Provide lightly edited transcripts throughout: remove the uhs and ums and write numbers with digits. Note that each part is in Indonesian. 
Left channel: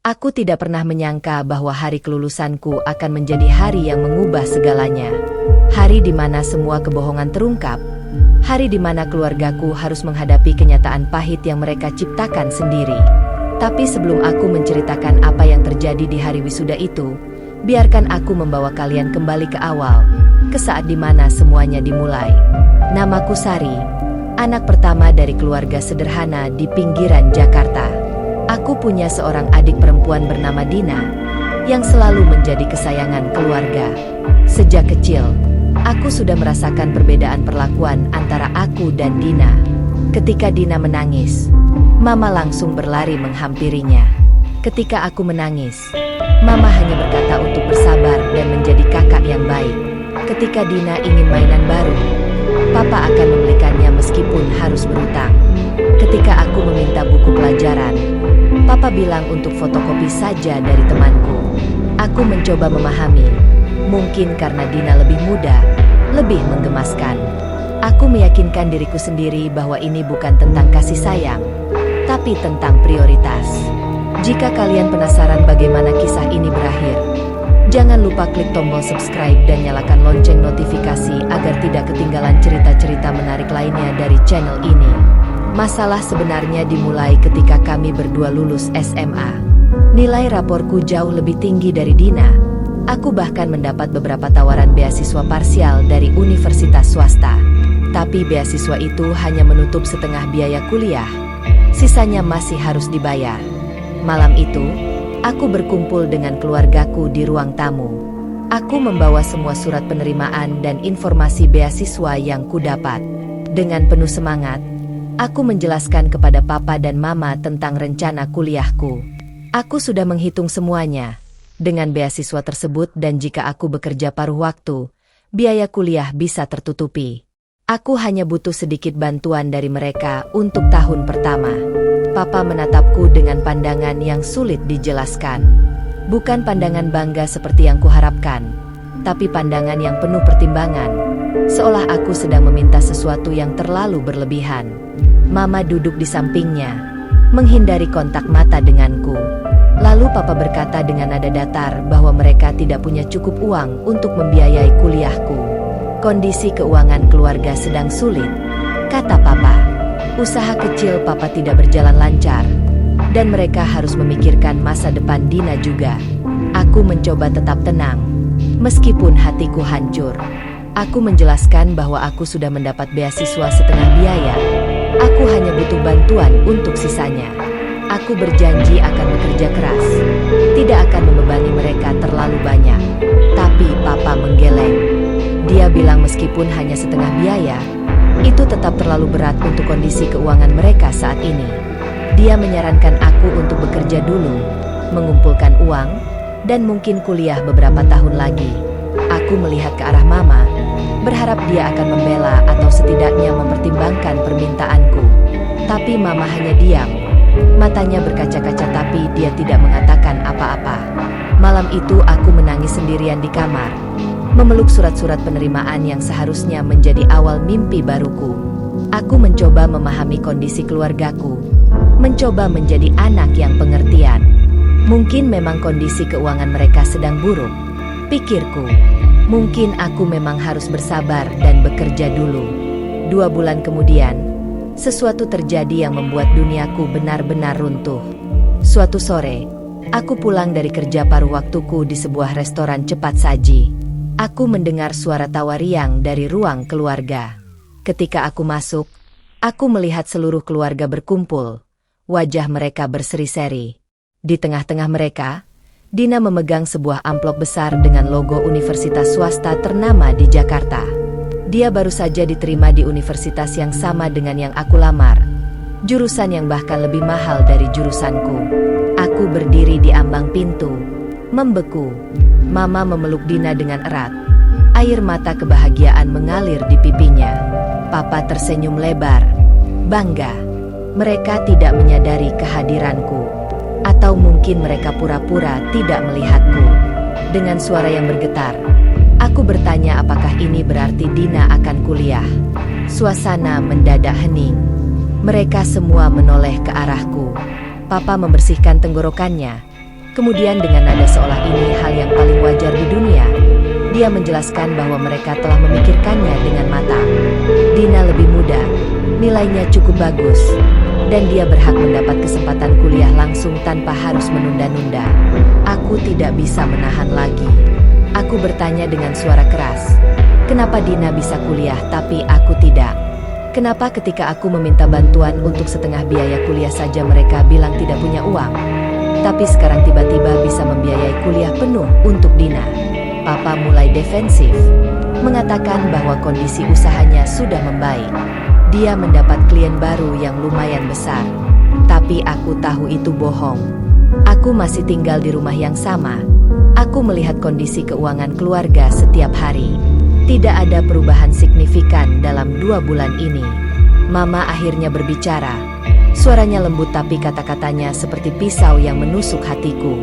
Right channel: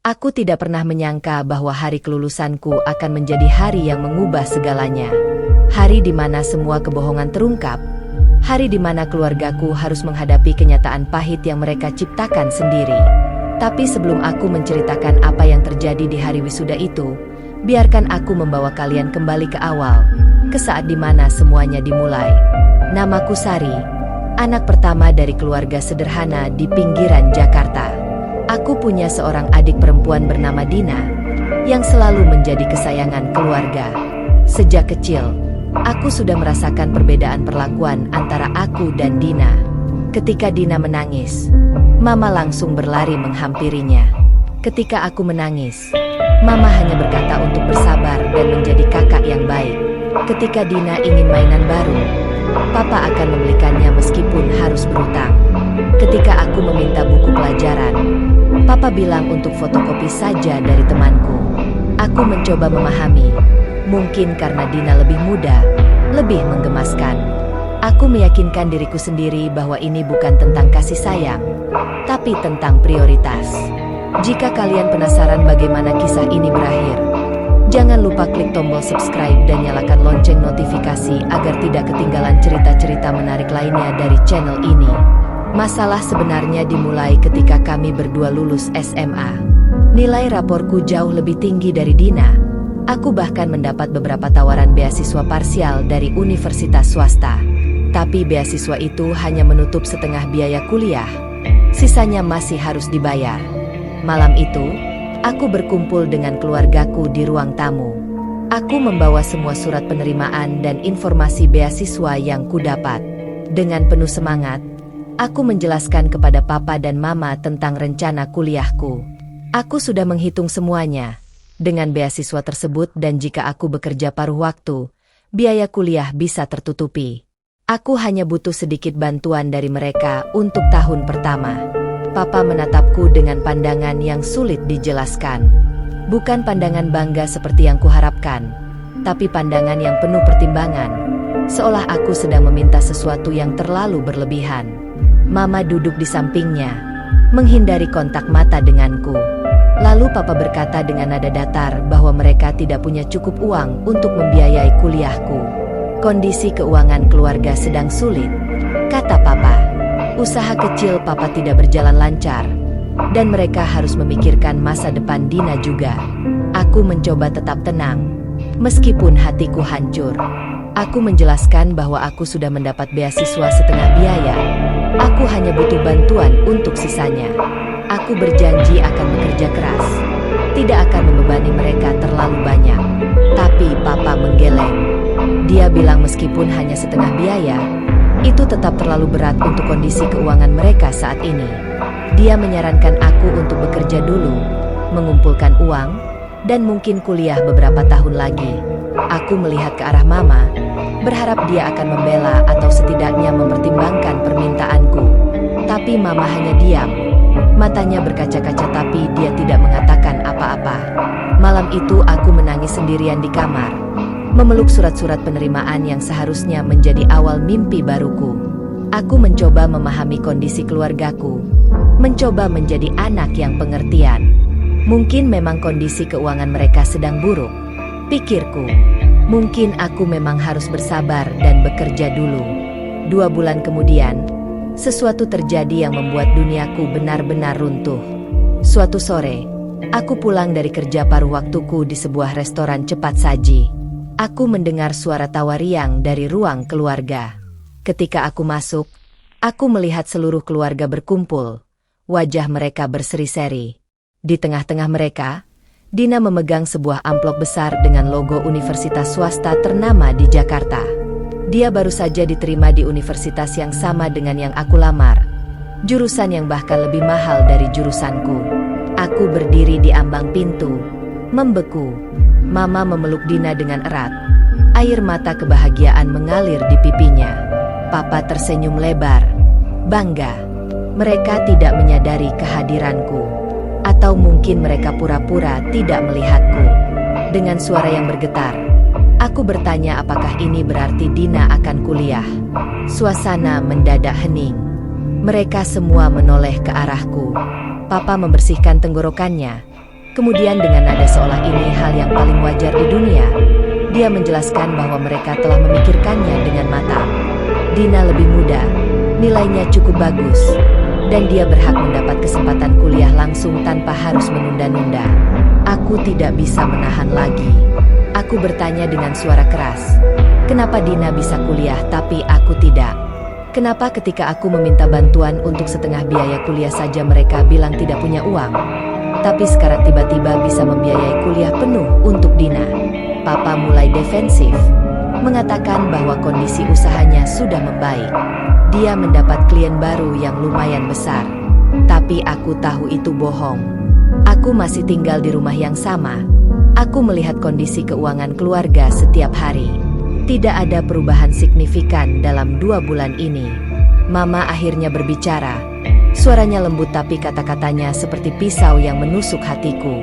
Aku tidak pernah menyangka bahwa hari kelulusanku akan menjadi hari yang mengubah segalanya. Hari di mana semua kebohongan terungkap. Hari di mana keluargaku harus menghadapi kenyataan pahit yang mereka ciptakan sendiri. Tapi sebelum aku menceritakan apa yang terjadi di hari wisuda itu, biarkan aku membawa kalian kembali ke awal, ke saat di mana semuanya dimulai. Namaku Sari, anak pertama dari keluarga sederhana di pinggiran Jakarta. Aku punya seorang adik perempuan bernama Dina, yang selalu menjadi kesayangan keluarga. Sejak kecil, aku sudah merasakan perbedaan perlakuan antara aku dan Dina. Ketika Dina menangis, Mama langsung berlari menghampirinya. Ketika aku menangis, Mama hanya berkata untuk bersabar dan menjadi kakak yang baik. Ketika Dina ingin mainan baru, Papa akan membelikannya meskipun harus berutang. Ketika aku meminta buku pelajaran, Papa bilang untuk fotokopi saja dari temanku. Aku mencoba memahami, mungkin karena Dina lebih muda, lebih menggemaskan. Aku meyakinkan diriku sendiri bahwa ini bukan tentang kasih sayang, tapi tentang prioritas. Jika kalian penasaran bagaimana kisah ini berakhir, jangan lupa klik tombol subscribe dan nyalakan lonceng notifikasi agar tidak ketinggalan cerita-cerita menarik lainnya dari channel ini. Masalah sebenarnya dimulai ketika kami berdua lulus SMA. Nilai raporku jauh lebih tinggi dari Dina. Aku bahkan mendapat beberapa tawaran beasiswa parsial dari universitas swasta. Tapi beasiswa itu hanya menutup setengah biaya kuliah. Sisanya masih harus dibayar. Malam itu, aku berkumpul dengan keluargaku di ruang tamu. Aku membawa semua surat penerimaan dan informasi beasiswa yang kudapat. Dengan penuh semangat, aku menjelaskan kepada Papa dan Mama tentang rencana kuliahku. Aku sudah menghitung semuanya. Dengan beasiswa tersebut dan jika aku bekerja paruh waktu, biaya kuliah bisa tertutupi. Aku hanya butuh sedikit bantuan dari mereka untuk tahun pertama. Papa menatapku dengan pandangan yang sulit dijelaskan. Bukan pandangan bangga seperti yang kuharapkan, tapi pandangan yang penuh pertimbangan. Seolah aku sedang meminta sesuatu yang terlalu berlebihan. Mama duduk di sampingnya, menghindari kontak mata denganku. Lalu Papa berkata dengan nada datar bahwa mereka tidak punya cukup uang untuk membiayai kuliahku. Kondisi keuangan keluarga sedang sulit, kata Papa. Usaha kecil Papa tidak berjalan lancar, dan mereka harus memikirkan masa depan Dina juga. Aku mencoba tetap tenang, meskipun hatiku hancur. Aku menjelaskan bahwa aku sudah mendapat beasiswa setengah biaya. Aku hanya butuh bantuan untuk sisanya. Aku berjanji akan bekerja keras, tidak akan membebani mereka terlalu banyak. Tapi Papa menggeleng. Dia bilang meskipun hanya setengah biaya, itu tetap terlalu berat untuk kondisi keuangan mereka saat ini. Dia menyarankan aku untuk bekerja dulu, mengumpulkan uang, dan mungkin kuliah beberapa tahun lagi. Aku melihat ke arah Mama, berharap dia akan membela atau setidaknya mempertimbangkan permintaanku. Tapi Mama hanya diam. Matanya berkaca-kaca tapi dia tidak mengatakan apa-apa. Malam itu aku menangis sendirian di kamar, memeluk surat-surat penerimaan yang seharusnya menjadi awal mimpi baruku. Aku mencoba memahami kondisi keluargaku, mencoba menjadi anak yang pengertian. Mungkin memang kondisi keuangan mereka sedang buruk, pikirku. Mungkin aku memang harus bersabar dan bekerja dulu. 2 bulan kemudian, sesuatu terjadi yang membuat duniaku benar-benar runtuh. Suatu sore, aku pulang dari kerja paruh waktuku di sebuah restoran cepat saji. Aku mendengar suara tawa riang dari ruang keluarga. Ketika aku masuk, aku melihat seluruh keluarga berkumpul. Wajah mereka berseri-seri. Di tengah-tengah mereka, Dina memegang sebuah amplop besar dengan logo universitas swasta ternama di Jakarta. Dia baru saja diterima di universitas yang sama dengan yang aku lamar. Jurusan yang bahkan lebih mahal dari jurusanku. Aku berdiri di ambang pintu, membeku. Mama memeluk Dina dengan erat. Air mata kebahagiaan mengalir di pipinya. Papa tersenyum lebar, bangga. Mereka tidak menyadari kehadiranku. Atau mungkin mereka pura-pura tidak melihatku. Dengan suara yang bergetar, aku bertanya apakah ini berarti Dina akan kuliah. Suasana mendadak hening. Mereka semua menoleh ke arahku. Papa membersihkan tenggorokannya, Kemudian dengan nada seolah ini hal yang paling wajar di dunia, dia menjelaskan bahwa mereka telah memikirkannya dengan matang. Dina lebih muda, nilainya cukup bagus, dan dia berhak mendapat kesempatan kuliah langsung tanpa harus menunda-nunda. Aku tidak bisa menahan lagi. Aku bertanya dengan suara keras. Kenapa Dina bisa kuliah tapi aku tidak? Kenapa ketika aku meminta bantuan untuk setengah biaya kuliah saja mereka bilang tidak punya uang? Tapi sekarang tiba-tiba bisa membiayai kuliah penuh untuk Dina. Papa mulai defensif, mengatakan bahwa kondisi usahanya sudah membaik. Dia mendapat klien baru yang lumayan besar. Tapi aku tahu itu bohong. Aku masih tinggal di rumah yang sama. Aku melihat kondisi keuangan keluarga setiap hari. Tidak ada perubahan signifikan dalam 2 bulan ini. Mama akhirnya berbicara. Suaranya lembut tapi kata-katanya seperti pisau yang menusuk hatiku.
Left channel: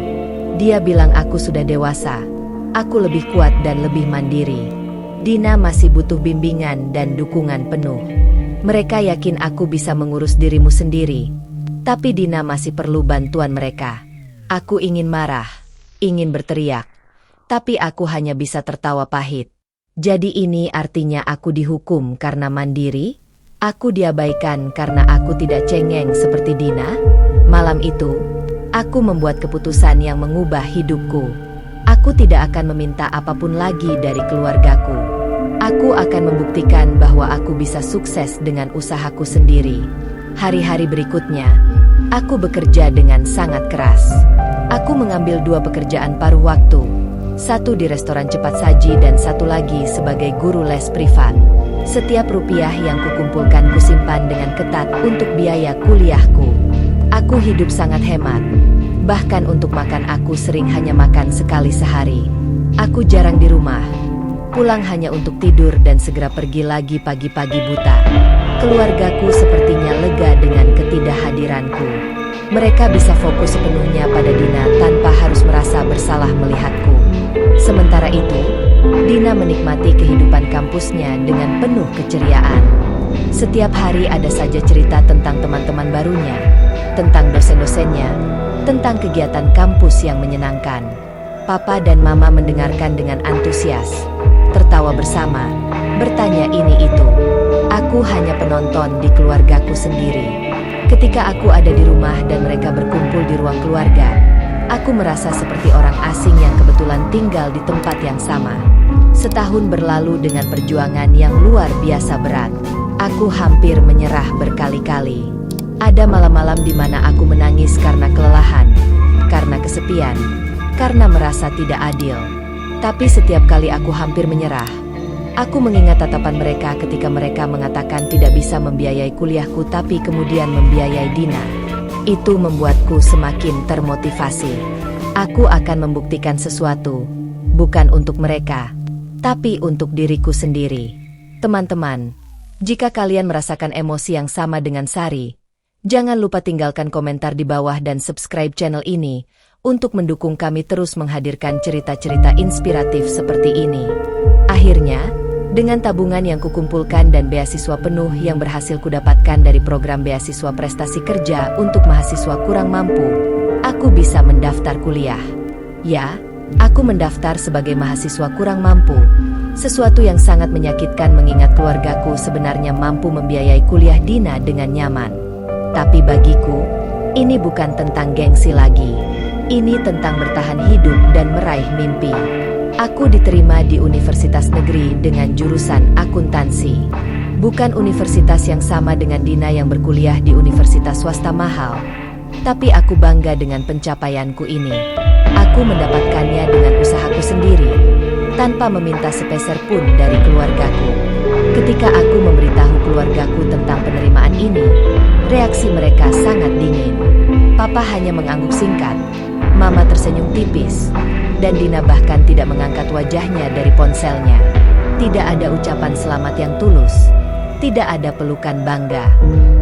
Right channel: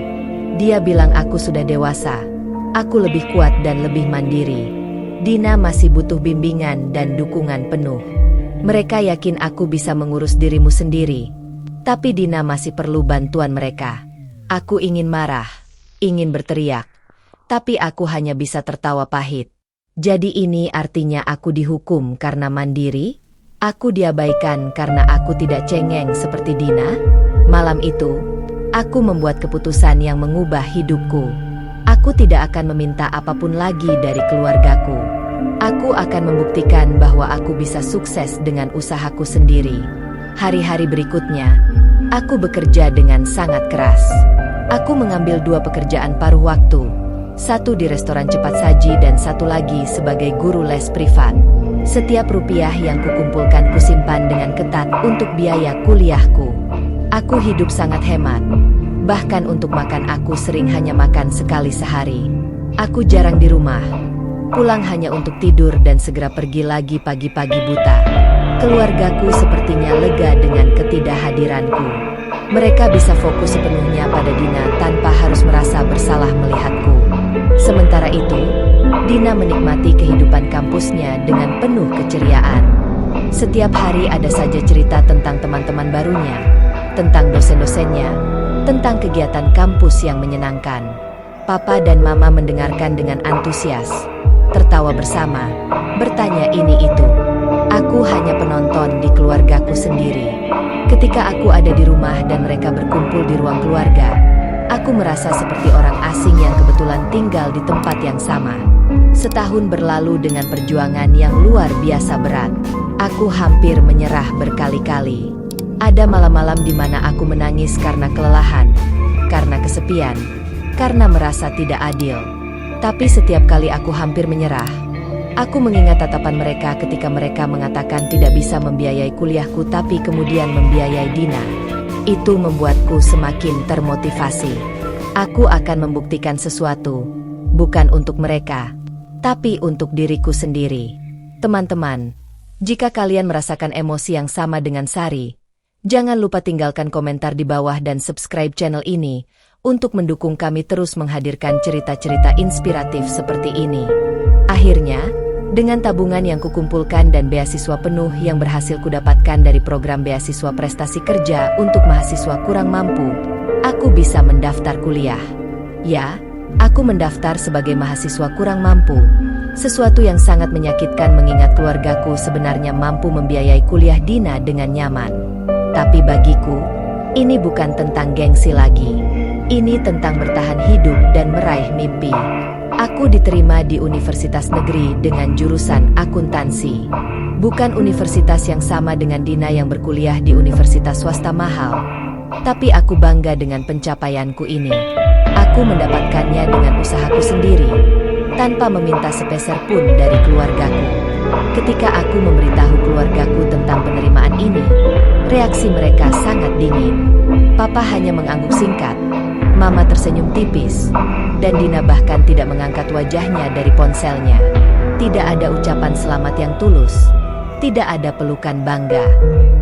Dia bilang aku sudah dewasa. Aku lebih kuat dan lebih mandiri. Dina masih butuh bimbingan dan dukungan penuh. Mereka yakin aku bisa mengurus dirimu sendiri. Tapi Dina masih perlu bantuan mereka. Aku ingin marah, ingin berteriak. Tapi aku hanya bisa tertawa pahit. Jadi ini artinya aku dihukum karena mandiri? Aku diabaikan karena aku tidak cengeng seperti Dina? Malam itu, aku membuat keputusan yang mengubah hidupku. Aku tidak akan meminta apapun lagi dari keluargaku. Aku akan membuktikan bahwa aku bisa sukses dengan usahaku sendiri. Hari-hari berikutnya, aku bekerja dengan sangat keras. Aku mengambil 2 pekerjaan paruh waktu. Satu di restoran cepat saji dan satu lagi sebagai guru les privat. Setiap rupiah yang kukumpulkan kusimpan dengan ketat untuk biaya kuliahku. Aku hidup sangat hemat. Bahkan untuk makan aku sering hanya makan sekali sehari. Aku jarang di rumah. Pulang hanya untuk tidur dan segera pergi lagi pagi-pagi buta. Keluargaku sepertinya lega dengan ketidakhadiranku. Mereka bisa fokus sepenuhnya pada Dina tanpa harus merasa bersalah melihatku. Sementara itu, Dina menikmati kehidupan kampusnya dengan penuh keceriaan. Setiap hari ada saja cerita tentang teman-teman barunya, tentang dosen-dosennya, tentang kegiatan kampus yang menyenangkan. Papa dan Mama mendengarkan dengan antusias, tertawa bersama, bertanya ini itu. Aku hanya penonton di keluargaku sendiri. Ketika aku ada di rumah dan mereka berkumpul di ruang keluarga, aku merasa seperti orang asing yang kebetulan tinggal di tempat yang sama. Setahun berlalu dengan perjuangan yang luar biasa berat. Aku hampir menyerah berkali-kali. Ada malam-malam di mana aku menangis karena kelelahan, karena kesepian, karena merasa tidak adil. Tapi setiap kali aku hampir menyerah, aku mengingat tatapan mereka ketika mereka mengatakan tidak bisa membiayai kuliahku tapi kemudian membiayai Dina. Itu membuatku semakin termotivasi. Aku akan membuktikan sesuatu, bukan untuk mereka, tapi untuk diriku sendiri. Teman-teman, jika kalian merasakan emosi yang sama dengan Sari, jangan lupa tinggalkan komentar di bawah dan subscribe channel ini untuk mendukung kami terus menghadirkan cerita-cerita inspiratif seperti ini. Akhirnya, dengan tabungan yang kukumpulkan dan beasiswa penuh yang berhasil kudapatkan dari program beasiswa prestasi kerja untuk mahasiswa kurang mampu, aku bisa mendaftar kuliah. Ya, aku mendaftar sebagai mahasiswa kurang mampu, sesuatu yang sangat menyakitkan mengingat keluargaku sebenarnya mampu membiayai kuliah Dina dengan nyaman. Tapi bagiku, ini bukan tentang gengsi lagi. Ini tentang bertahan hidup dan meraih mimpi. Aku diterima di universitas negeri dengan jurusan akuntansi. Bukan universitas yang sama dengan Dina yang berkuliah di universitas swasta mahal. Tapi aku bangga dengan pencapaianku ini. Aku mendapatkannya dengan usahaku sendiri, tanpa meminta sepeser pun dari keluargaku. Ketika aku memberitahu keluargaku tentang penerimaan ini, reaksi mereka sangat dingin. Papa hanya mengangguk singkat, Mama tersenyum tipis, dan Dina bahkan tidak mengangkat wajahnya dari ponselnya. Tidak ada ucapan selamat yang tulus, tidak ada pelukan bangga.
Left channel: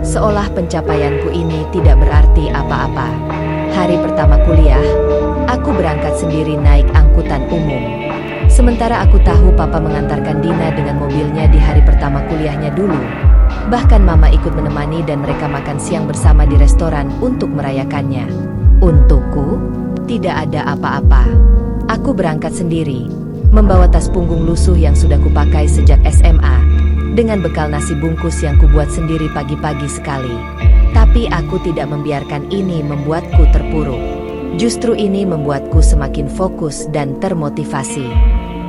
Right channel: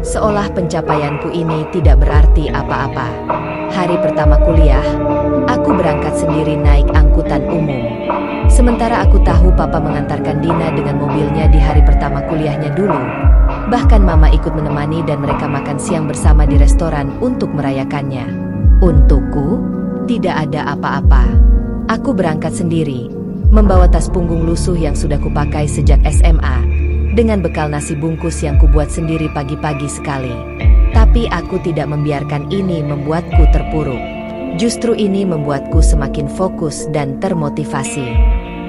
Seolah pencapaianku ini tidak berarti apa-apa. Hari pertama kuliah, aku berangkat sendiri naik angkutan umum. Sementara aku tahu Papa mengantarkan Dina dengan mobilnya di hari pertama kuliahnya dulu. Bahkan Mama ikut menemani dan mereka makan siang bersama di restoran untuk merayakannya. Untukku, Tidak ada apa-apa. Aku berangkat sendiri, membawa tas punggung lusuh yang sudah kupakai sejak SMA, dengan bekal nasi bungkus yang kubuat sendiri pagi-pagi sekali. Tapi aku tidak membiarkan ini membuatku terpuruk. Justru ini membuatku semakin fokus dan termotivasi.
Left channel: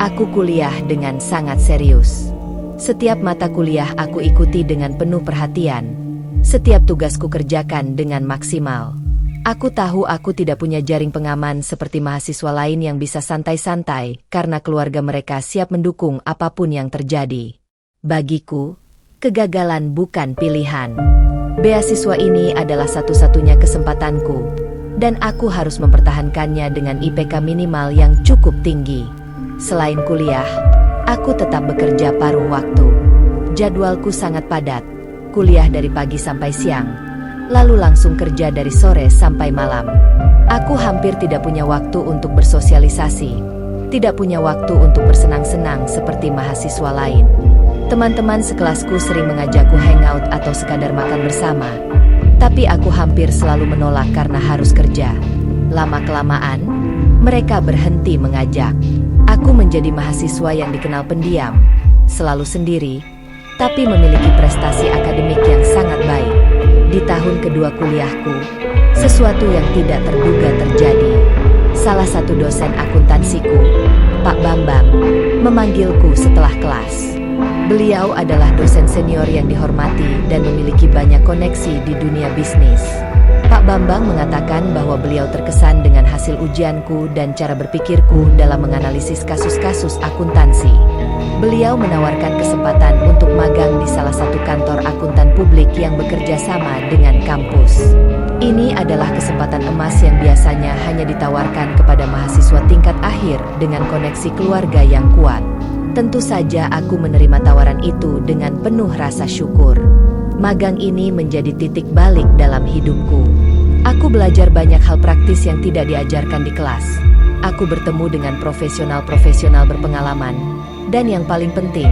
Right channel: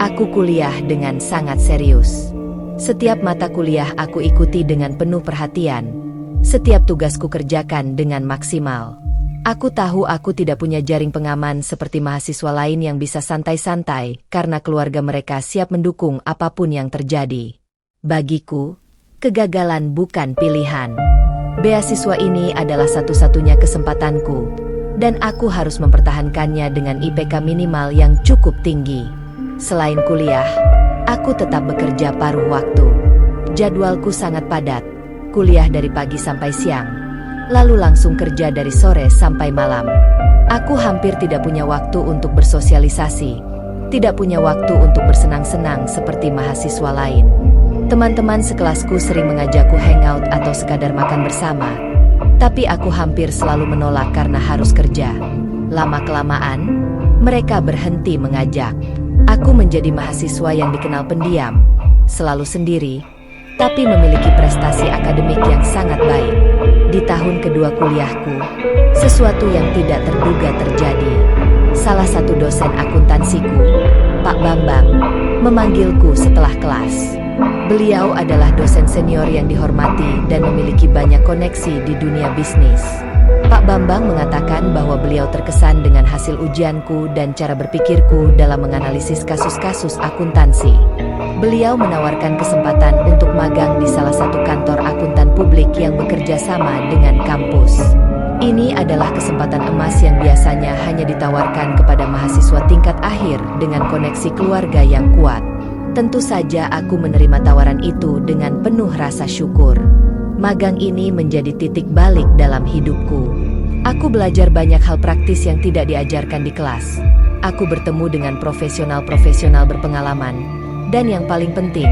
Aku kuliah dengan sangat serius. Setiap mata kuliah aku ikuti dengan penuh perhatian. Setiap tugasku kerjakan dengan maksimal. Aku tahu aku tidak punya jaring pengaman seperti mahasiswa lain yang bisa santai-santai karena keluarga mereka siap mendukung apapun yang terjadi. Bagiku, kegagalan bukan pilihan. Beasiswa ini adalah satu-satunya kesempatanku, dan aku harus mempertahankannya dengan IPK minimal yang cukup tinggi. Selain kuliah, aku tetap bekerja paruh waktu. Jadwalku sangat padat, kuliah dari pagi sampai siang, lalu langsung kerja dari sore sampai malam. Aku hampir tidak punya waktu untuk bersosialisasi, tidak punya waktu untuk bersenang-senang seperti mahasiswa lain. Teman-teman sekelasku sering mengajakku hangout atau sekadar makan bersama, tapi aku hampir selalu menolak karena harus kerja. Lama-kelamaan, mereka berhenti mengajak. Aku menjadi mahasiswa yang dikenal pendiam, selalu sendiri, tapi memiliki prestasi akademik yang sangat baik. Di tahun kedua kuliahku, sesuatu yang tidak terduga terjadi. Salah satu dosen akuntansiku, Pak Bambang, memanggilku setelah kelas. Beliau adalah dosen senior yang dihormati dan memiliki banyak koneksi di dunia bisnis. Pak Bambang mengatakan bahwa beliau terkesan dengan hasil ujianku dan cara berpikirku dalam menganalisis kasus-kasus akuntansi. Beliau menawarkan kesempatan untuk magang di salah satu kantor akuntan publik yang bekerja sama dengan kampus. Ini adalah kesempatan emas yang biasanya hanya ditawarkan kepada mahasiswa tingkat akhir dengan koneksi keluarga yang kuat. Tentu saja aku menerima tawaran itu dengan penuh rasa syukur. Magang ini menjadi titik balik dalam hidupku. Aku belajar banyak hal praktis yang tidak diajarkan di kelas. Aku bertemu dengan profesional-profesional berpengalaman. Dan yang paling penting,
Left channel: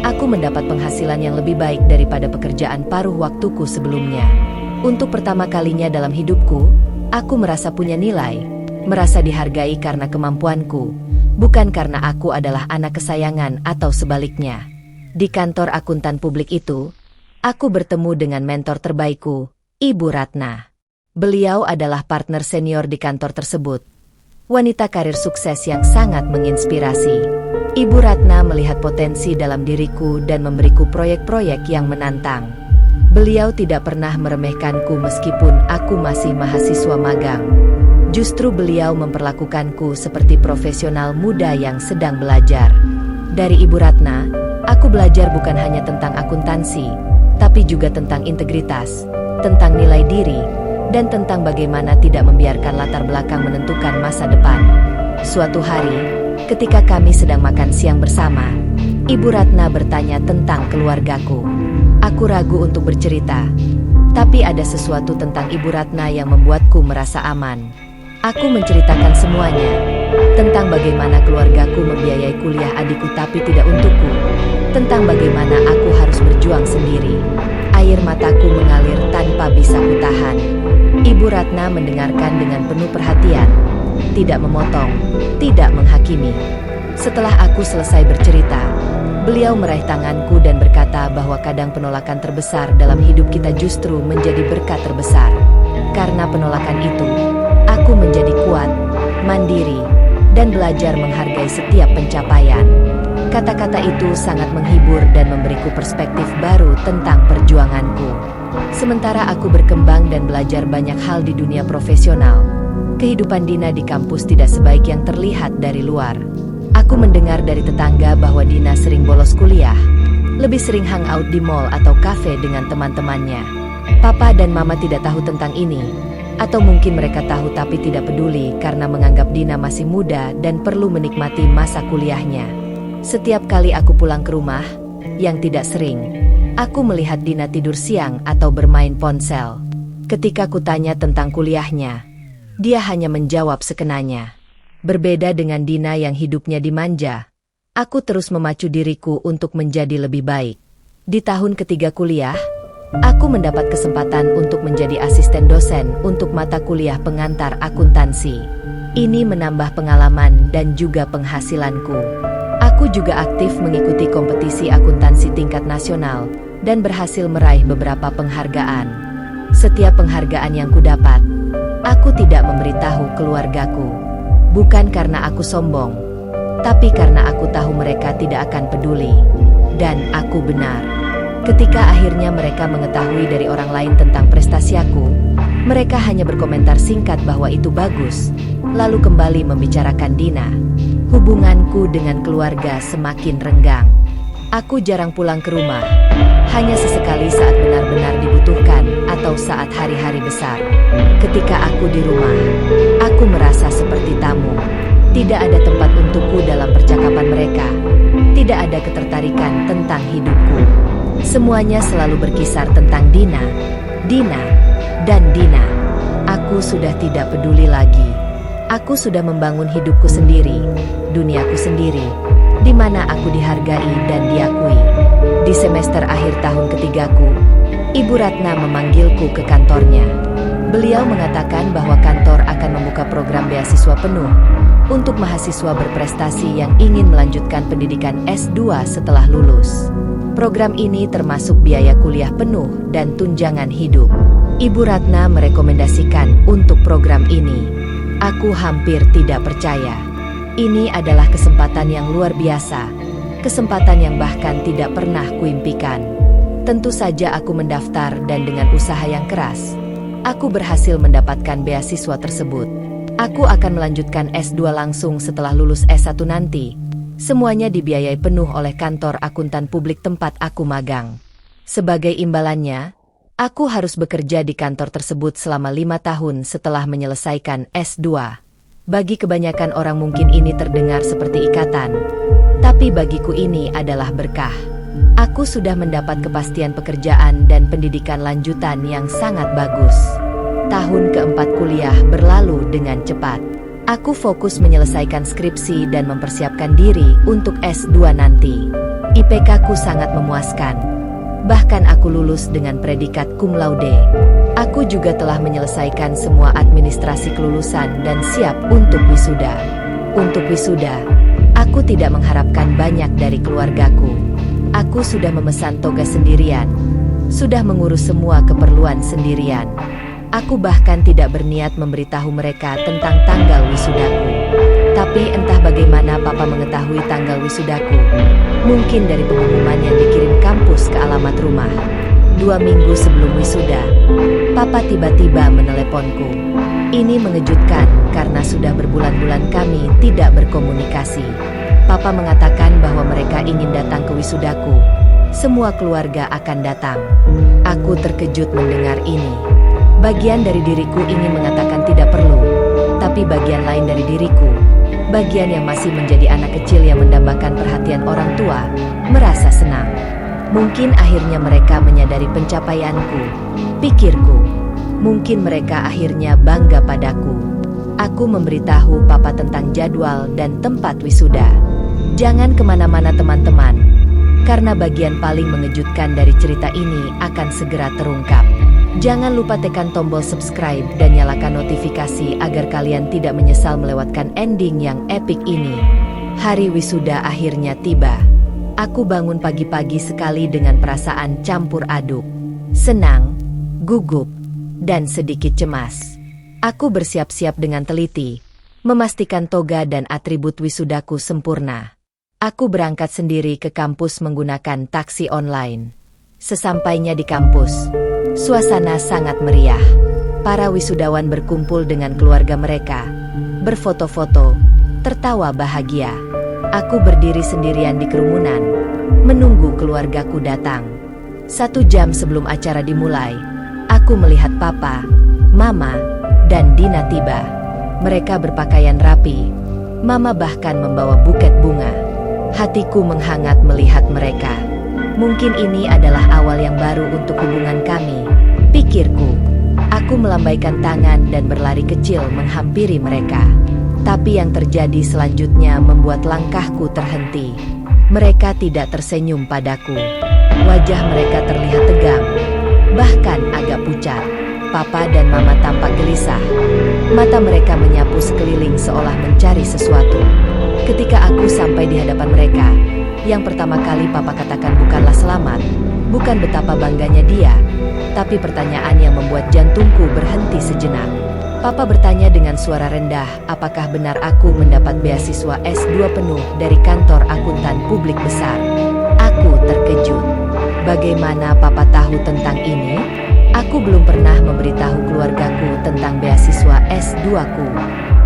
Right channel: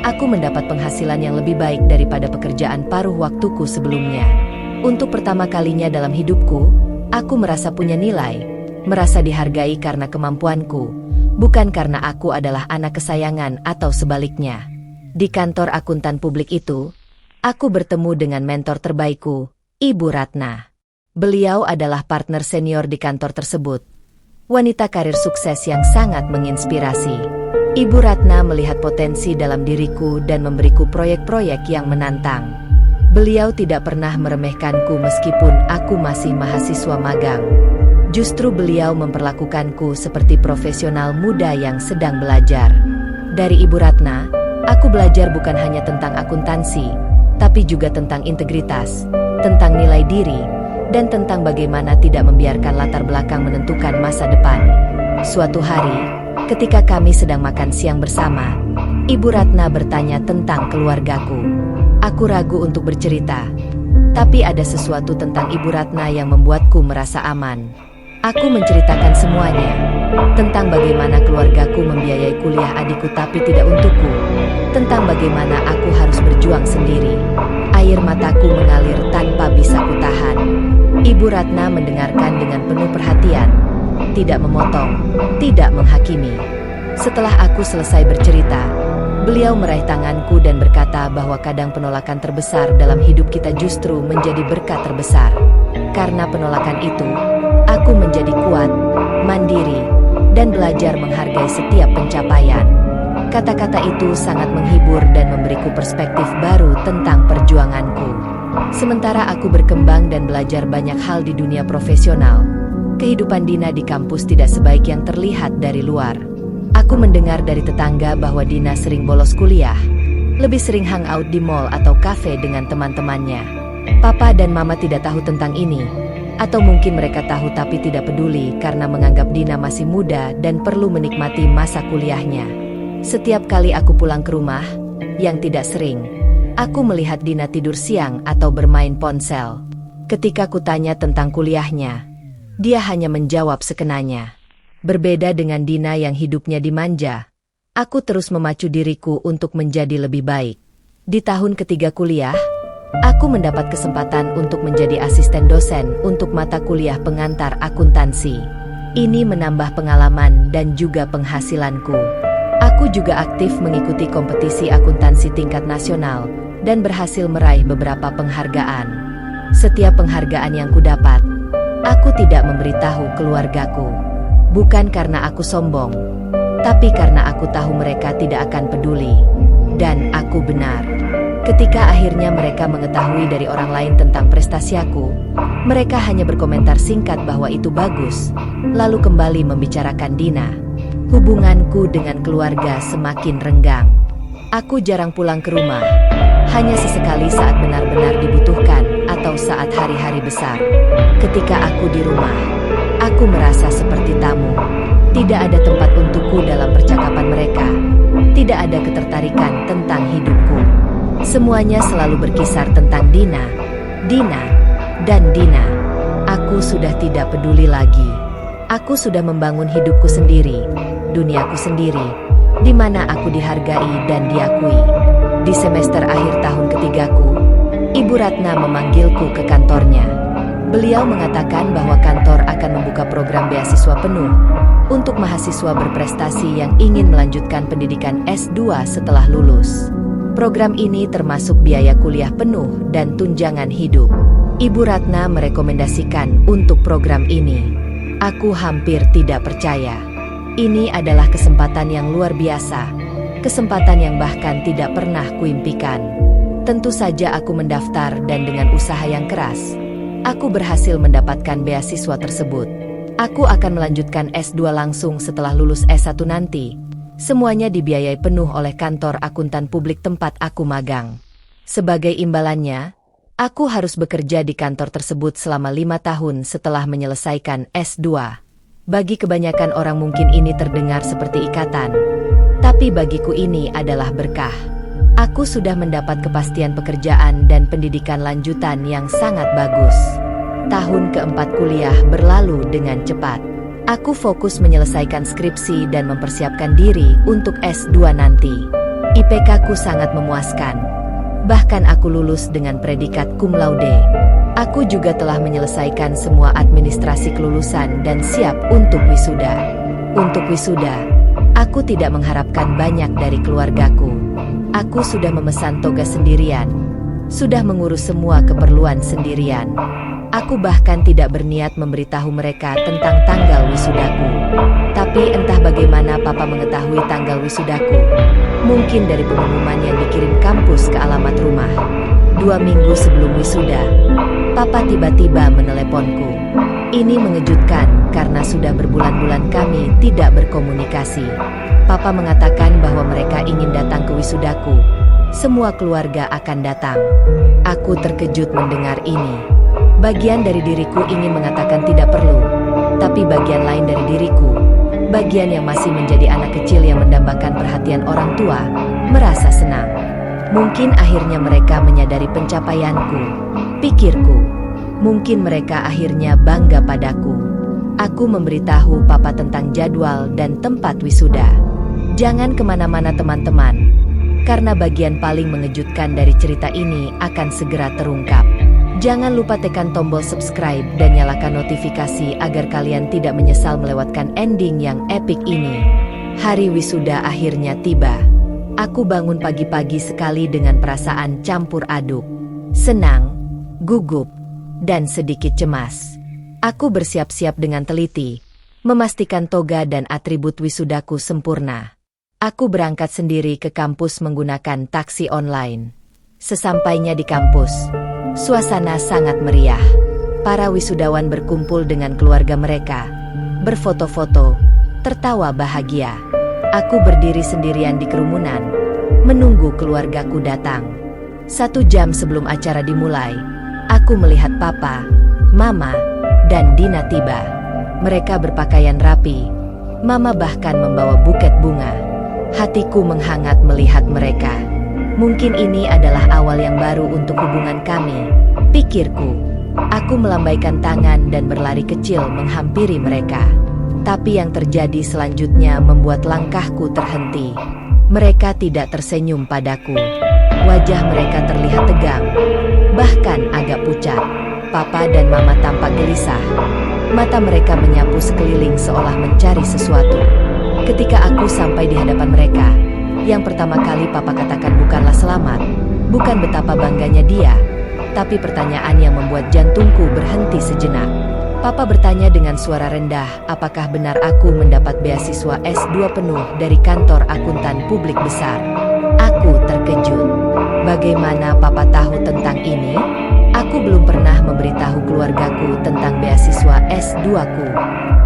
aku mendapat penghasilan yang lebih baik daripada pekerjaan paruh waktuku sebelumnya. Untuk pertama kalinya dalam hidupku, aku merasa punya nilai, merasa dihargai karena kemampuanku, bukan karena aku adalah anak kesayangan atau sebaliknya. Di kantor akuntan publik itu, aku bertemu dengan mentor terbaikku, Ibu Ratna. Beliau adalah partner senior di kantor tersebut. Wanita karir sukses yang sangat menginspirasi. Ibu Ratna melihat potensi dalam diriku dan memberiku proyek-proyek yang menantang. Beliau tidak pernah meremehkanku meskipun aku masih mahasiswa magang. Justru beliau memperlakukanku seperti profesional muda yang sedang belajar. Dari Ibu Ratna, aku belajar bukan hanya tentang akuntansi, tapi juga tentang integritas, tentang nilai diri, dan tentang bagaimana tidak membiarkan latar belakang menentukan masa depan. Suatu hari, ketika kami sedang makan siang bersama, Ibu Ratna bertanya tentang keluargaku. Aku ragu untuk bercerita, tapi ada sesuatu tentang Ibu Ratna yang membuatku merasa aman. Aku menceritakan semuanya, tentang bagaimana keluargaku membiayai kuliah adikku tapi tidak untukku, tentang bagaimana aku harus berjuang sendiri. Air mataku mengalir tanpa bisa kutahan. Ibu Ratna mendengarkan dengan penuh perhatian, tidak memotong, tidak menghakimi. Setelah aku selesai bercerita, beliau meraih tanganku dan berkata bahwa kadang penolakan terbesar dalam hidup kita justru menjadi berkat terbesar. Karena penolakan itu, aku menjadi kuat, mandiri, dan belajar menghargai setiap pencapaian. Kata-kata itu sangat menghibur dan memberiku perspektif baru tentang perjuanganku. Sementara aku berkembang dan belajar banyak hal di dunia profesional, kehidupan Dina di kampus tidak sebaik yang terlihat dari luar. Aku mendengar dari tetangga bahwa Dina sering bolos kuliah, lebih sering hangout di mall atau kafe dengan teman-temannya. Papa dan Mama tidak tahu tentang ini, atau mungkin mereka tahu tapi tidak peduli karena menganggap Dina masih muda dan perlu menikmati masa kuliahnya. Setiap kali aku pulang ke rumah, yang tidak sering, aku melihat Dina tidur siang atau bermain ponsel. Ketika kutanya tentang kuliahnya, dia hanya menjawab sekenanya. Berbeda dengan Dina yang hidupnya dimanja, aku terus memacu diriku untuk menjadi lebih baik. Di tahun ketiga kuliah, aku mendapat kesempatan untuk menjadi asisten dosen untuk mata kuliah pengantar akuntansi. Ini menambah pengalaman dan juga penghasilanku. Aku juga aktif mengikuti kompetisi akuntansi tingkat nasional dan berhasil meraih beberapa penghargaan. Setiap penghargaan yang kudapat, aku tidak memberitahu keluargaku. Bukan karena aku sombong, tapi karena aku tahu mereka tidak akan peduli. Dan aku benar. Ketika akhirnya mereka mengetahui dari orang lain tentang prestasi aku, mereka hanya berkomentar singkat bahwa itu bagus, lalu kembali membicarakan Dina. Hubunganku dengan keluarga semakin renggang. Aku jarang pulang ke rumah, hanya sesekali saat benar-benar dibutuhkan atau saat hari-hari besar. Ketika aku di rumah, aku merasa seperti tamu. Tidak ada tempat untukku dalam percakapan mereka. Tidak ada ketertarikan tentang hidupku. Semuanya selalu berkisar tentang Dina, dan Dina. Aku sudah tidak peduli lagi. Aku sudah membangun hidupku sendiri, duniaku sendiri, di mana aku dihargai dan diakui. Di semester akhir tahun ketigaku, Ibu Ratna memanggilku ke kantornya. Beliau mengatakan bahwa kantor akan membuka program beasiswa penuh untuk mahasiswa berprestasi yang ingin melanjutkan pendidikan S2 setelah lulus. Program ini termasuk biaya kuliah penuh dan tunjangan hidup. Ibu Ratna merekomendasikan untuk program ini. Aku hampir tidak percaya. Ini adalah kesempatan yang luar biasa, kesempatan yang bahkan tidak pernah kuimpikan. Tentu saja aku mendaftar dan dengan usaha yang keras, aku berhasil mendapatkan beasiswa tersebut. Aku akan melanjutkan S2 langsung setelah lulus S1 nanti. Semuanya dibiayai penuh oleh kantor akuntan publik tempat aku magang. Sebagai imbalannya, aku harus bekerja di kantor tersebut selama 5 tahun setelah menyelesaikan S2. Bagi kebanyakan orang mungkin ini terdengar seperti ikatan, tapi bagiku ini adalah berkah. Aku sudah mendapat kepastian pekerjaan dan pendidikan lanjutan yang sangat bagus. Tahun keempat kuliah berlalu dengan cepat. Aku fokus menyelesaikan skripsi dan mempersiapkan diri untuk S2 nanti. IPK-ku sangat memuaskan. Bahkan aku lulus dengan predikat cum laude. Aku juga telah menyelesaikan semua administrasi kelulusan dan siap untuk wisuda. Untuk wisuda, aku tidak mengharapkan banyak dari keluargaku. Aku sudah memesan toga sendirian, sudah mengurus semua keperluan sendirian. Aku bahkan tidak berniat memberitahu mereka tentang tanggal wisudaku. Tapi entah bagaimana papa mengetahui tanggal wisudaku. Mungkin dari pengumuman yang dikirim kampus ke alamat rumah. 2 minggu sebelum wisuda, papa tiba-tiba meneleponku. Ini mengejutkan karena sudah berbulan-bulan kami tidak berkomunikasi. Papa mengatakan bahwa mereka ingin datang ke wisudaku. Semua keluarga akan datang. Aku terkejut mendengar ini. Bagian dari diriku ingin mengatakan tidak perlu, tapi bagian lain dari diriku, bagian yang masih menjadi anak kecil yang mendambakan perhatian orang tua, merasa senang. Mungkin akhirnya mereka menyadari pencapaianku, pikirku. Mungkin mereka akhirnya bangga padaku. Aku memberitahu papa tentang jadwal dan tempat wisuda. Jangan kemana-mana teman-teman, karena bagian paling mengejutkan dari cerita ini akan segera terungkap. Jangan lupa tekan tombol subscribe dan nyalakan notifikasi agar kalian tidak menyesal melewatkan ending yang epik ini. Hari wisuda akhirnya tiba. Aku bangun pagi-pagi sekali dengan perasaan campur aduk. Senang, gugup, dan sedikit cemas. Aku bersiap-siap dengan teliti, memastikan toga dan atribut wisudaku sempurna. Aku berangkat sendiri ke kampus menggunakan taksi online. Sesampainya di kampus, suasana sangat meriah. Para wisudawan berkumpul dengan keluarga mereka, berfoto-foto, tertawa bahagia. Aku berdiri sendirian di kerumunan, menunggu keluargaku datang. 1 jam sebelum acara dimulai, aku melihat papa, mama, dan Dina tiba. Mereka berpakaian rapi. Mama bahkan membawa buket bunga. Hatiku menghangat melihat mereka. Mungkin ini adalah awal yang baru untuk hubungan kami, pikirku. Aku melambaikan tangan dan berlari kecil menghampiri mereka. Tapi yang terjadi selanjutnya membuat langkahku terhenti. Mereka tidak tersenyum padaku. Wajah mereka terlihat tegang, bahkan agak pucat. Papa dan mama tampak gelisah. Mata mereka menyapu sekeliling seolah mencari sesuatu. Ketika aku sampai di hadapan mereka, yang pertama kali Papa katakan bukanlah selamat, bukan betapa bangganya dia, tapi pertanyaan yang membuat jantungku berhenti sejenak. Papa bertanya dengan suara rendah, apakah benar aku mendapat beasiswa S2 penuh dari kantor akuntan publik besar? Aku terkejut. Bagaimana Papa tahu tentang ini? Aku belum pernah memberitahu keluargaku tentang beasiswa S2-ku.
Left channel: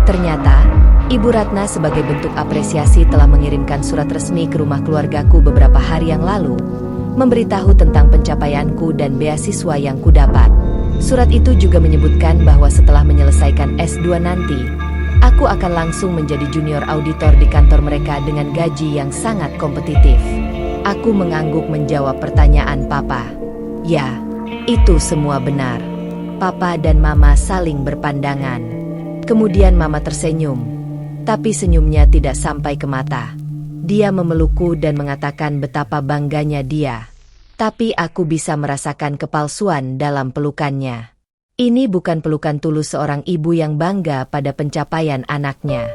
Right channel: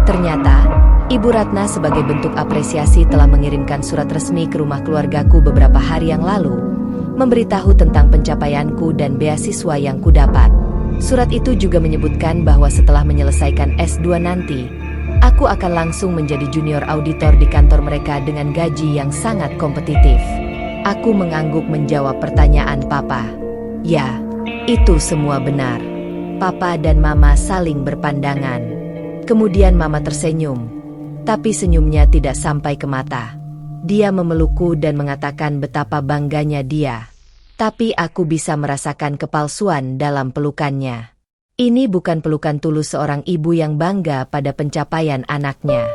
Ternyata, Ibu Ratna sebagai bentuk apresiasi telah mengirimkan surat resmi ke rumah keluargaku beberapa hari yang lalu, memberitahu tentang pencapaianku dan beasiswa yang kudapat. Surat itu juga menyebutkan bahwa setelah menyelesaikan S2 nanti, aku akan langsung menjadi junior auditor di kantor mereka dengan gaji yang sangat kompetitif. Aku mengangguk menjawab pertanyaan Papa. Ya, itu semua benar. Papa dan Mama saling berpandangan. Kemudian Mama tersenyum, tapi senyumnya tidak sampai ke mata. Dia memelukku dan mengatakan betapa bangganya dia. Tapi aku bisa merasakan kepalsuan dalam pelukannya. Ini bukan pelukan tulus seorang ibu yang bangga pada pencapaian anaknya.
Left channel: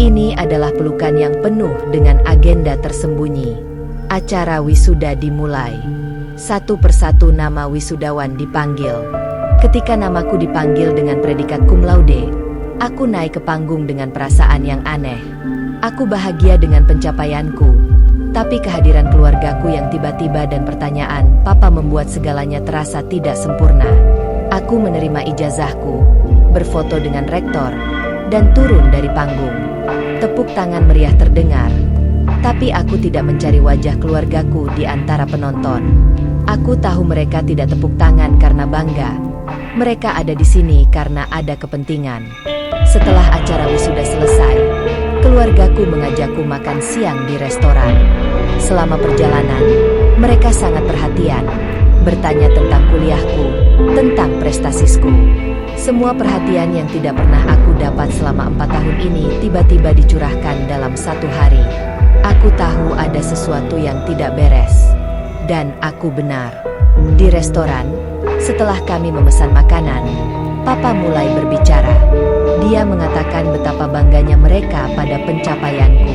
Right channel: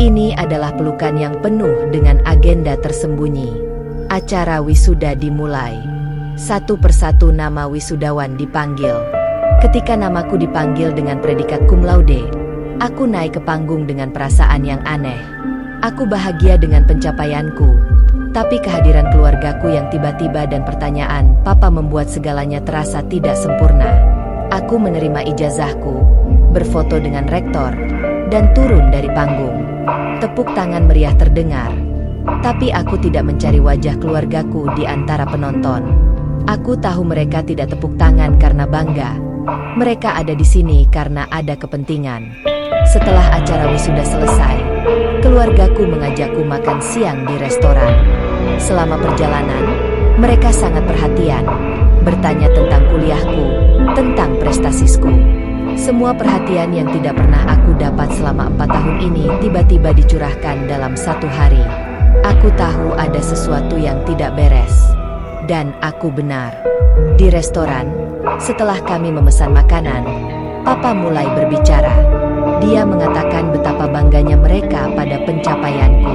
Ini adalah pelukan yang penuh dengan agenda tersembunyi. Acara wisuda dimulai. Satu persatu nama wisudawan dipanggil. Ketika namaku dipanggil dengan predikat cum laude, aku naik ke panggung dengan perasaan yang aneh. Aku bahagia dengan pencapaianku. Tapi kehadiran keluargaku yang tiba-tiba dan pertanyaan Papa membuat segalanya terasa tidak sempurna. Aku menerima ijazahku, berfoto dengan rektor, dan turun dari panggung. Tepuk tangan meriah terdengar. Tapi aku tidak mencari wajah keluargaku di antara penonton. Aku tahu mereka tidak tepuk tangan karena bangga. Mereka ada di sini karena ada kepentingan. Setelah acara wisuda selesai, keluargaku mengajakku makan siang di restoran. Selama perjalanan, mereka sangat perhatian, bertanya tentang kuliahku, tentang prestasiku. Semua perhatian yang tidak pernah aku dapat selama 4 tahun ini tiba-tiba dicurahkan dalam 1 hari. Aku tahu ada sesuatu yang tidak beres. Dan aku benar. Di restoran, setelah kami memesan makanan, Papa mulai berbicara. Dia mengatakan betapa bangganya mereka pada pencapaianku.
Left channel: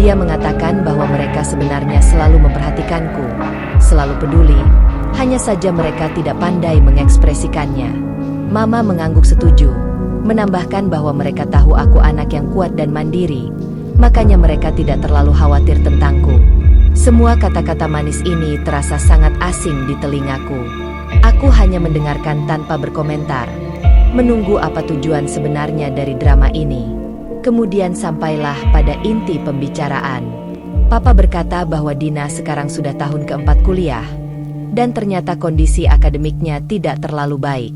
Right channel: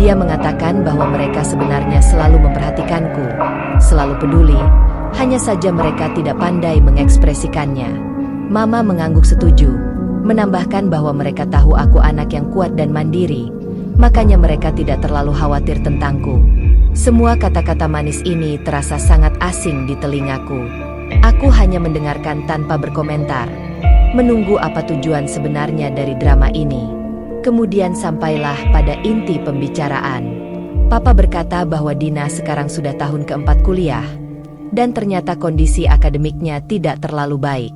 Dia mengatakan bahwa mereka sebenarnya selalu memperhatikanku, selalu peduli, hanya saja mereka tidak pandai mengekspresikannya. Mama mengangguk setuju, menambahkan bahwa mereka tahu aku anak yang kuat dan mandiri, makanya mereka tidak terlalu khawatir tentangku. Semua kata-kata manis ini terasa sangat asing di telingaku. Aku hanya mendengarkan tanpa berkomentar, menunggu apa tujuan sebenarnya dari drama ini. Kemudian sampailah pada inti pembicaraan. Papa berkata bahwa Dina sekarang sudah tahun keempat kuliah, dan ternyata kondisi akademiknya tidak terlalu baik.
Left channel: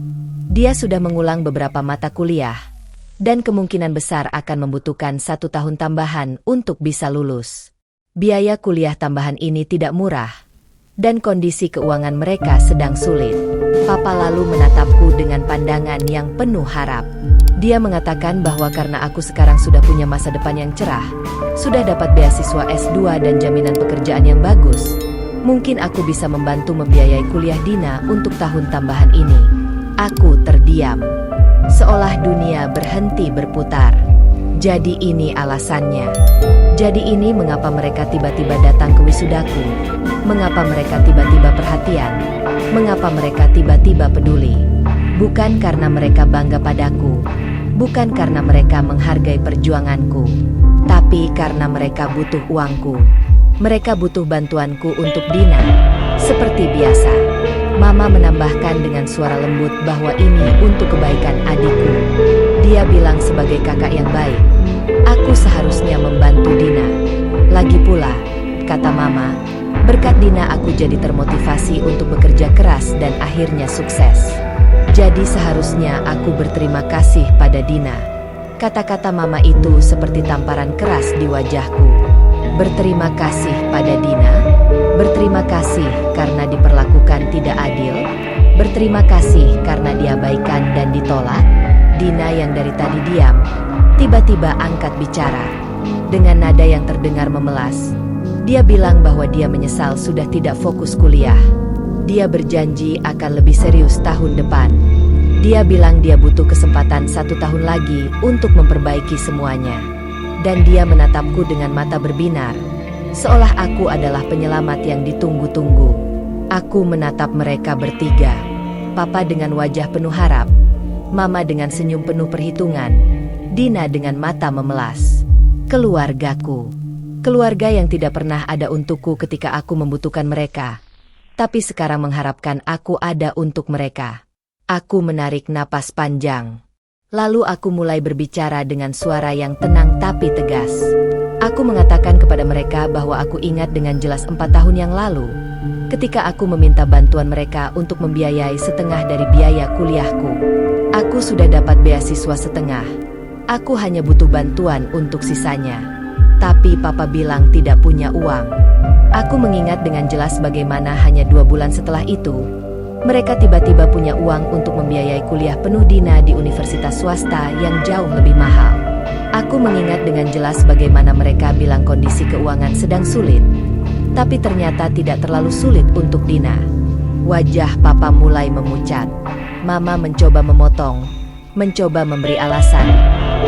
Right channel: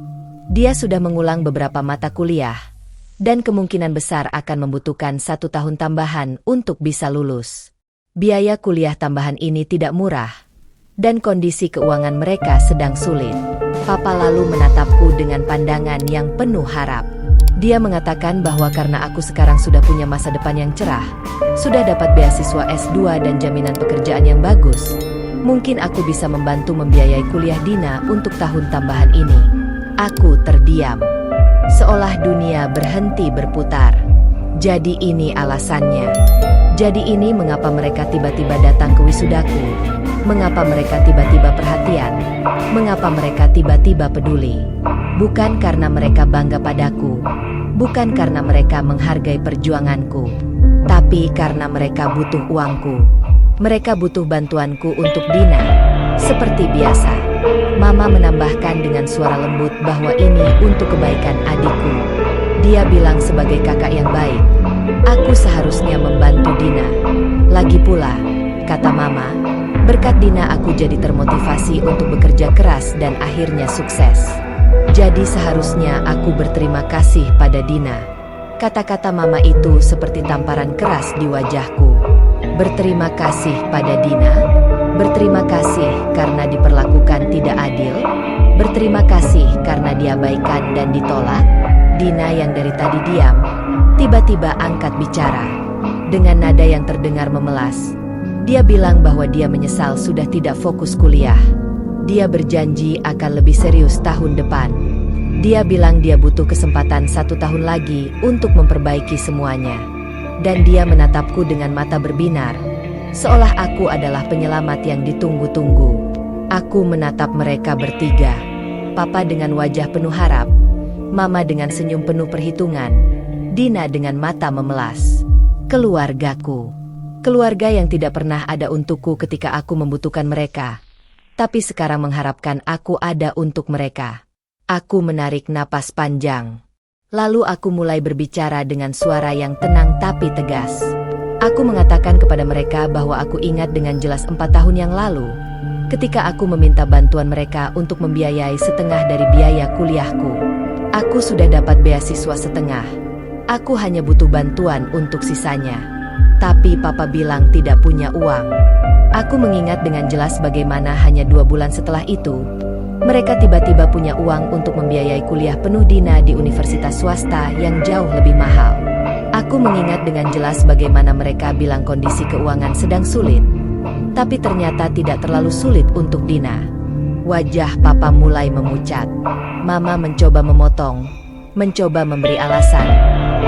Dia sudah mengulang beberapa mata kuliah, dan kemungkinan besar akan membutuhkan 1 tahun tambahan untuk bisa lulus. Biaya kuliah tambahan ini tidak murah, dan kondisi keuangan mereka sedang sulit. Papa lalu menatapku dengan pandangan yang penuh harap. Dia mengatakan bahwa karena aku sekarang sudah punya masa depan yang cerah, sudah dapat beasiswa S2 dan jaminan pekerjaan yang bagus, mungkin aku bisa membantu membiayai kuliah Dina untuk tahun tambahan ini. Aku terdiam, seolah dunia berhenti berputar. Jadi ini alasannya. Jadi ini mengapa mereka tiba-tiba datang ke wisudaku, mengapa mereka tiba-tiba perhatian, mengapa mereka tiba-tiba peduli. Bukan karena mereka bangga padaku, bukan karena mereka menghargai perjuanganku, tapi karena mereka butuh uangku. Mereka butuh bantuanku untuk Dina. Seperti biasa, Mama menambahkan dengan suara lembut bahwa ini untuk kebaikan adikku. Dia bilang sebagai kakak yang baik, aku seharusnya membantu Dina. Lagi pula, kata Mama, berkat Dina aku jadi termotivasi untuk bekerja keras dan akhirnya sukses. Jadi seharusnya aku berterima kasih pada Dina. Kata-kata Mama itu seperti tamparan keras di wajahku. Berterima kasih pada Dina? Berterima kasih karena diperlakukan tidak adil? Berterima kasih karena diabaikan dan ditolak? Dina yang dari tadi diam, tiba-tiba angkat bicara. Dengan nada yang terdengar memelas, dia bilang bahwa dia menyesal sudah tidak fokus kuliah. Dia berjanji akan lebih serius tahun depan. Dia bilang dia butuh kesempatan 1 tahun lagi untuk memperbaiki semuanya. Dan dia menatapku dengan mata berbinar, seolah aku adalah penyelamat yang ditunggu-tunggu. Aku menatap mereka bertiga. Papa dengan wajah penuh harap, Mama dengan senyum penuh perhitungan, Dina dengan mata memelas. Keluargaku. Keluarga yang tidak pernah ada untukku ketika aku membutuhkan mereka, tapi sekarang mengharapkan aku ada untuk mereka. Aku menarik napas panjang. Lalu aku mulai berbicara dengan suara yang tenang tapi tegas. Aku mengatakan kepada mereka bahwa aku ingat dengan jelas 4 tahun yang lalu, ketika aku meminta bantuan mereka untuk membiayai setengah dari biaya kuliahku. Aku sudah dapat beasiswa setengah. Aku hanya butuh bantuan untuk sisanya. Tapi Papa bilang tidak punya uang. Aku mengingat dengan jelas bagaimana hanya 2 bulan setelah itu, mereka tiba-tiba punya uang untuk membiayai kuliah penuh Dina di universitas swasta yang jauh lebih mahal. Aku mengingat dengan jelas bagaimana mereka bilang kondisi keuangan sedang sulit, tapi ternyata tidak terlalu sulit untuk Dina. Wajah Papa mulai memucat. Mama mencoba memotong, mencoba memberi alasan,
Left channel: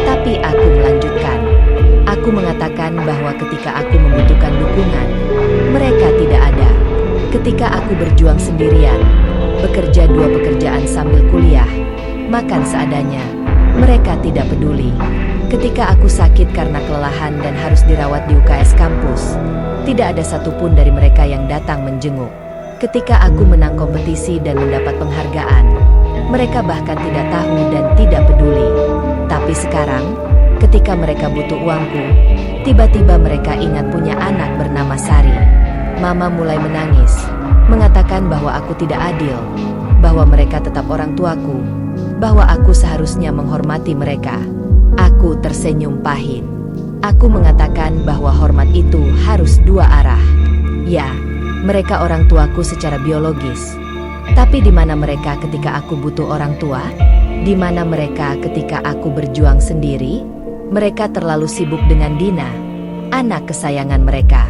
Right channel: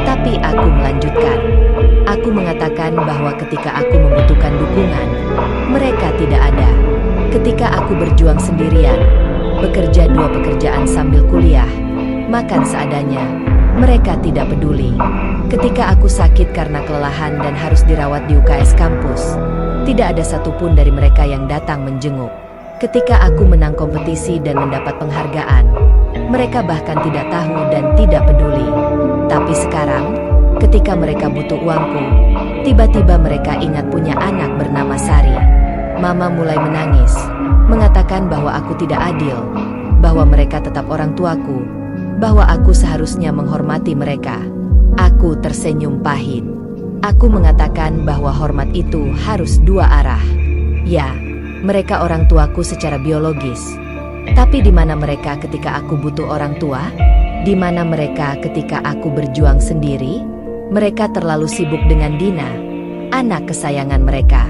tapi aku melanjutkan. Aku mengatakan bahwa ketika aku membutuhkan dukungan, mereka tidak ada. Ketika aku berjuang sendirian, bekerja 2 pekerjaan sambil kuliah, makan seadanya, mereka tidak peduli. Ketika aku sakit karena kelelahan dan harus dirawat di UKS kampus, tidak ada satupun dari mereka yang datang menjenguk. Ketika aku menang kompetisi dan mendapat penghargaan, mereka bahkan tidak tahu dan tidak peduli. Tapi sekarang, ketika mereka butuh uangku, tiba-tiba mereka ingat punya anak bernama Sari. Mama mulai menangis, mengatakan bahwa aku tidak adil, bahwa mereka tetap orang tuaku, bahwa aku seharusnya menghormati mereka. Aku tersenyum pahit. Aku mengatakan bahwa hormat itu harus 2 arah. Ya, mereka orang tuaku secara biologis. Tapi di mana mereka ketika aku butuh orang tua? Di mana mereka ketika aku berjuang sendiri? Mereka terlalu sibuk dengan Dina, anak kesayangan mereka.